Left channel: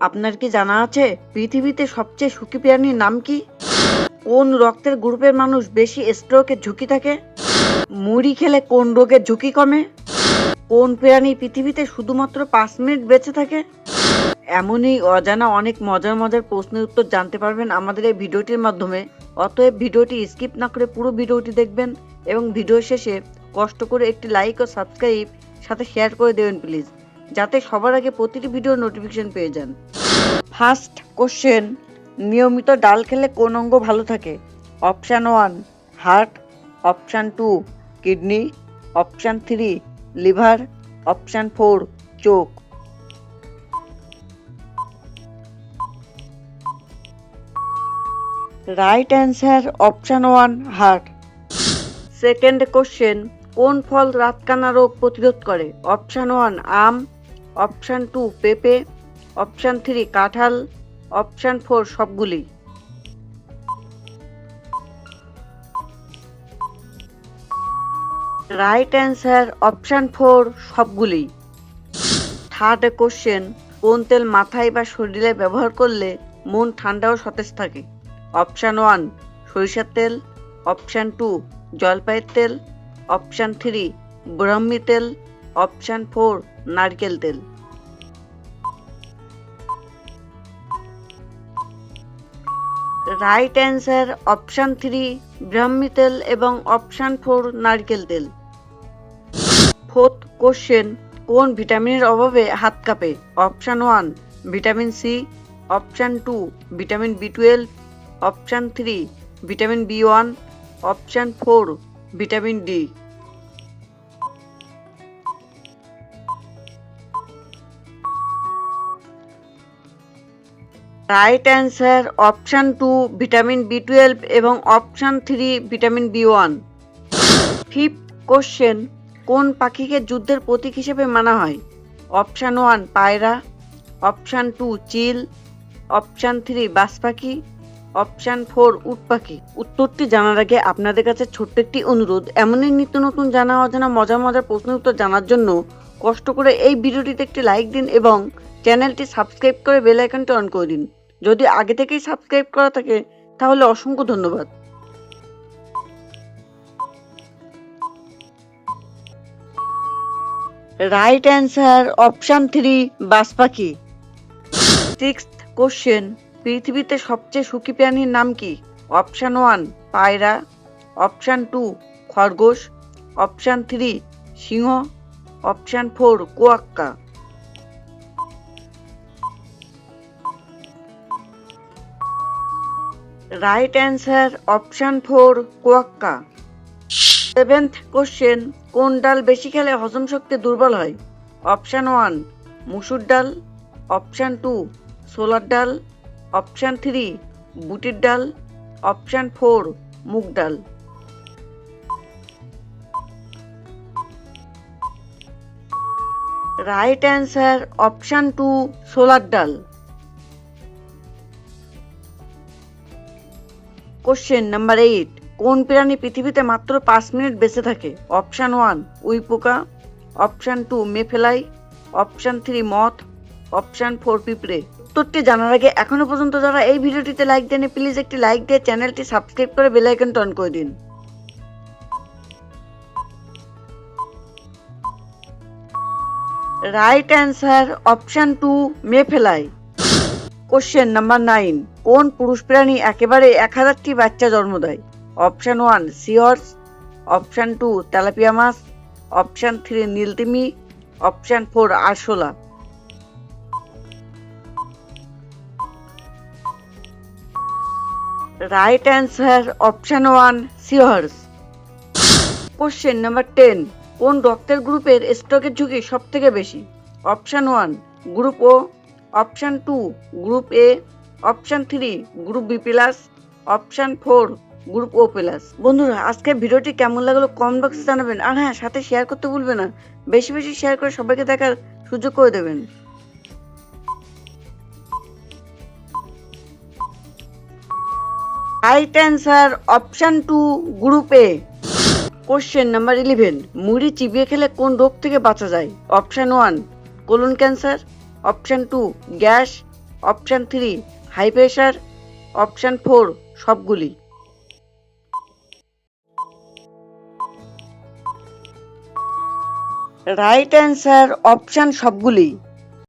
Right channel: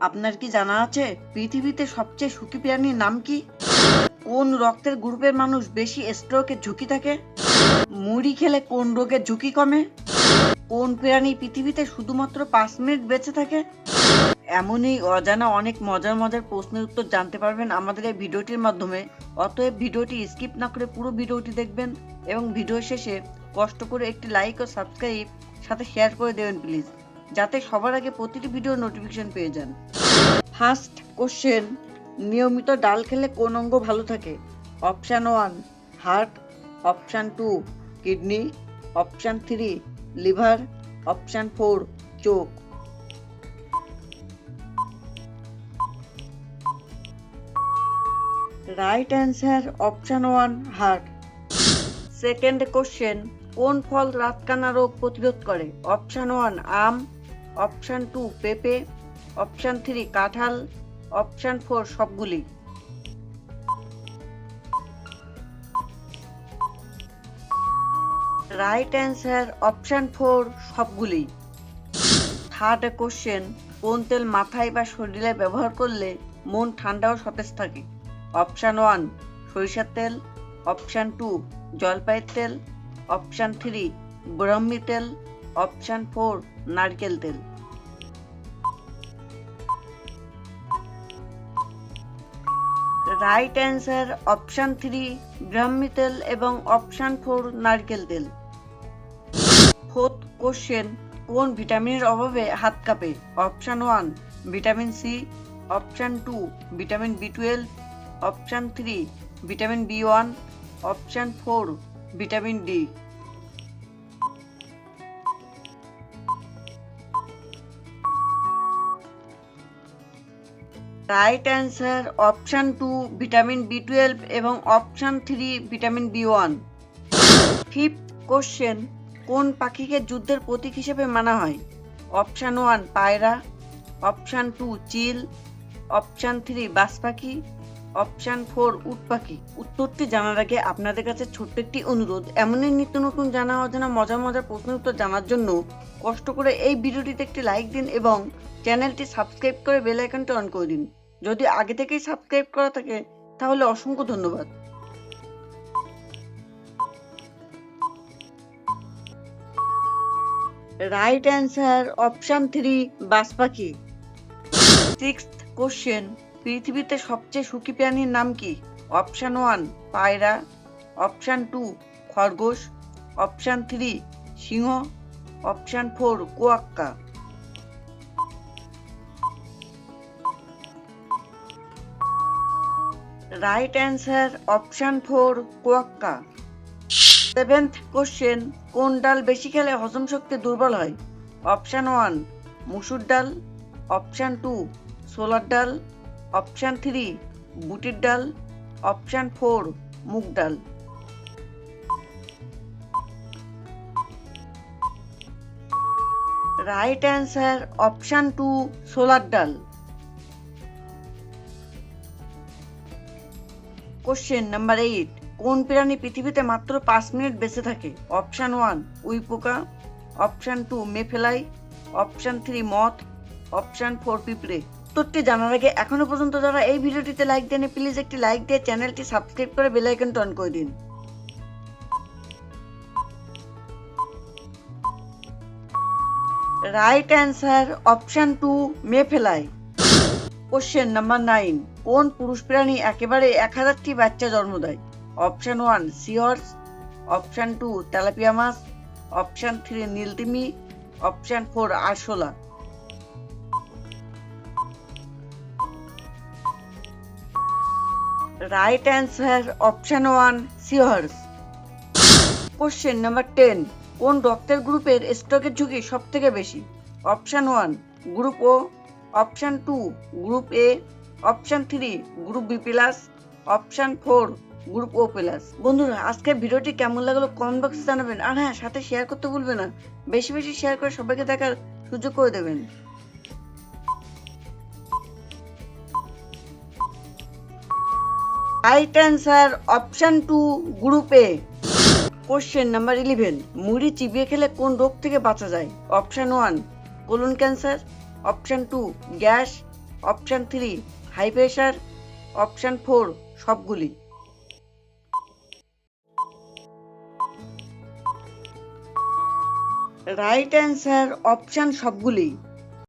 আপনার কি জানা আছে পৃথিবীতে সবচেয়ে সুখী প্রাণীর নাম কি? কোন রক্তের গ্রুপের মানুষ বেশি স্ট্রোকের ঝুঁকি থাকে? মুড়ি খেলে কোন রোগের ঝুঁকি কমে? কোন প্রাণী পৃথিবীতে শুধুমাত্র 5 মিনিট বেঁচে থাকে? এমনই অজানা অনেক মজার মজার প্রশ্নের উত্তর জানতে পারবেন আমাদের এই ভিডিওটির মাধ্যমে। অতএব ভিডিওটি স্কিপ না করে পুরো ভিডিওটি দেখবেন এবং ভিডিও শেষে কষ্ট করে একটি লাইক ও সাবস্ক্রাইব সাথে শেয়ার করে দেবেন প্লিজ, যাতে সবার আগে প্রতিটি ভিডিওর নোটিফিকেশন পেয়ে যান। ফার্স্ট কোশ্চেন, নিয়মিত ডাল খেলে কোন অঙ্গ ভালো থাকে? Option 1 heart, option 2 kidney, option 3 liver, option 4 চোখ। Right answer option 1 heart. Second question, কোন ফল রাতকানা রোগ প্রতিরোধ করে? অপশান 1 আম, অপশান 2 পেঁপে, অপশান 3 কাঁঠাল, অপশান 4 সবগুলি। রাইট অ্যান্সার অপশান 4 সবগুলি। থার্ড কোশ্চেন, কোন তেল মাথায় বা শরীরে ব্যবহার করলে মন ঠান্ডা ও সতেজ থাকে? অপশান 1 সরিষার তেল, অপশান 2 জলপাইয়ের তেল, অপশান 3 ব্রাহ্মী তেল, অপশান 4 নারকেল তেল। রাইট অ্যান্সার অপশান 3 ব্রাহ্মী তেল এবং অপশান 4 নারকেল তেল। ফোর্থ কোশ্চেন, কোন ভিটামিনের অভাবে হাত কাঁপে? Option 1 vitamin C, option 2 vitamin বি12, option 3 vitamin B one, option 4 vitamin D. Right answer option 2 vitamin বি12 এবং option 3 vitamin B one. Fifth question, কোন পাখিকে যুদ্ধের প্রতীক হিসেবে মানা হয়? অপশান 1 পায়রা, অপশান 2 চিল, অপশান 3 বাজ পাখি, অপশান 4 উট পাখি। উত্তরটি জানার আগে আপনাদের কাছে ছোট্ট একটি অনুরোধ, এমনই নিত্য নতুন জানা অজানা মজার মজার প্রশ্নের উত্তর জানার জন্য কষ্ট করে এই ভিডিওটিতে একটি লাইক দিন এবং চ্যানেলটি সাবস্ক্রাইব করে বেল আইকনটি অন করে দিন। যদি আগে থেকেই সাবস্ক্রাইব করা থাকে তাহলে অসংখ্য ধন্যবাদ। রাইট অ্যান্সার অপশান 3 বাজ পাখি। সিক্সথ কোশ্চেন, পৃথিবীতে সবচেয়ে সুখী প্রাণীর নাম কি? অপশান 1 পায়রা, অপশান 2 খরগোশ, অপশান 3 সিংহ, option 4 quokka. Right answer option 4 quokka. Seventh question, কোন ডাল বেশি খেলে হজম শক্তি দুর্বল হয়? অপশান 1 মুসুর ডাল, অপশান 2 ছোলার ডাল, অপশান 3 বুটের ডাল, অপশান 4 মুগ ডাল। রাইট অ্যান্সার অপশান 2 ছোলার ডাল। কোশ্চেন নাম্বার 8, কোন প্রাণী পৃথিবীতে মাত্র 5 মিনিট বেঁচে থাকে? অপশান 1 উই পোকা, অপশান 2 মেফেলাই, অপশান 3 মথ, অপশান 4 পিঁপড়ে। উত্তরটি জানার আগে এখনো পর্যন্ত যারা এই ভিডিওটিতে লাইক দেননি প্লিজ একটি লাইক দিয়ে চ্যানেলটি সাবস্ক্রাইব করে বেল আইকনটি অন করে দিন। Right answer option 2 mayfly. Question number 9, কোন পুরুষ প্রাণী একেবারে 1000টি বাচ্চা জন্ম দেয়? অপশান 1 সিহর্স, অপশান 2 তেলাপিয়া মাছ, অপশান 3 নীলতিমি, অপশান 4 আরশোলা। Right answer option 1 seahorse. Question number 10, কোন রক্তের গ্রুপের স্ট্রোকের ঝুঁকি সব থেকে বেশি? Option 1 group O, option 2 group A, option 3 group B plus, option 4 group O plus. বন্ধুরা আজকের ভিডিওটি কেমন লাগলো কমেন্ট বক্সে জানাবেন, আর হ্যাঁ সাথে শেয়ার করতে ভুলবেন না। বেশি বেশি শেয়ার করে সবাইকে দেখার সুযোগ করে দেবেন। Right answer option 2 group A. Question number 11, মুড়ি চিবিয়ে খেলে কোন রোগ থেকে বাঁচা যায়? Option 1 colon cancer, option 2 gas, option 3 high pressure, option 4 সবগুলি। রাইট অ্যান্সার অপশান সবগুলি।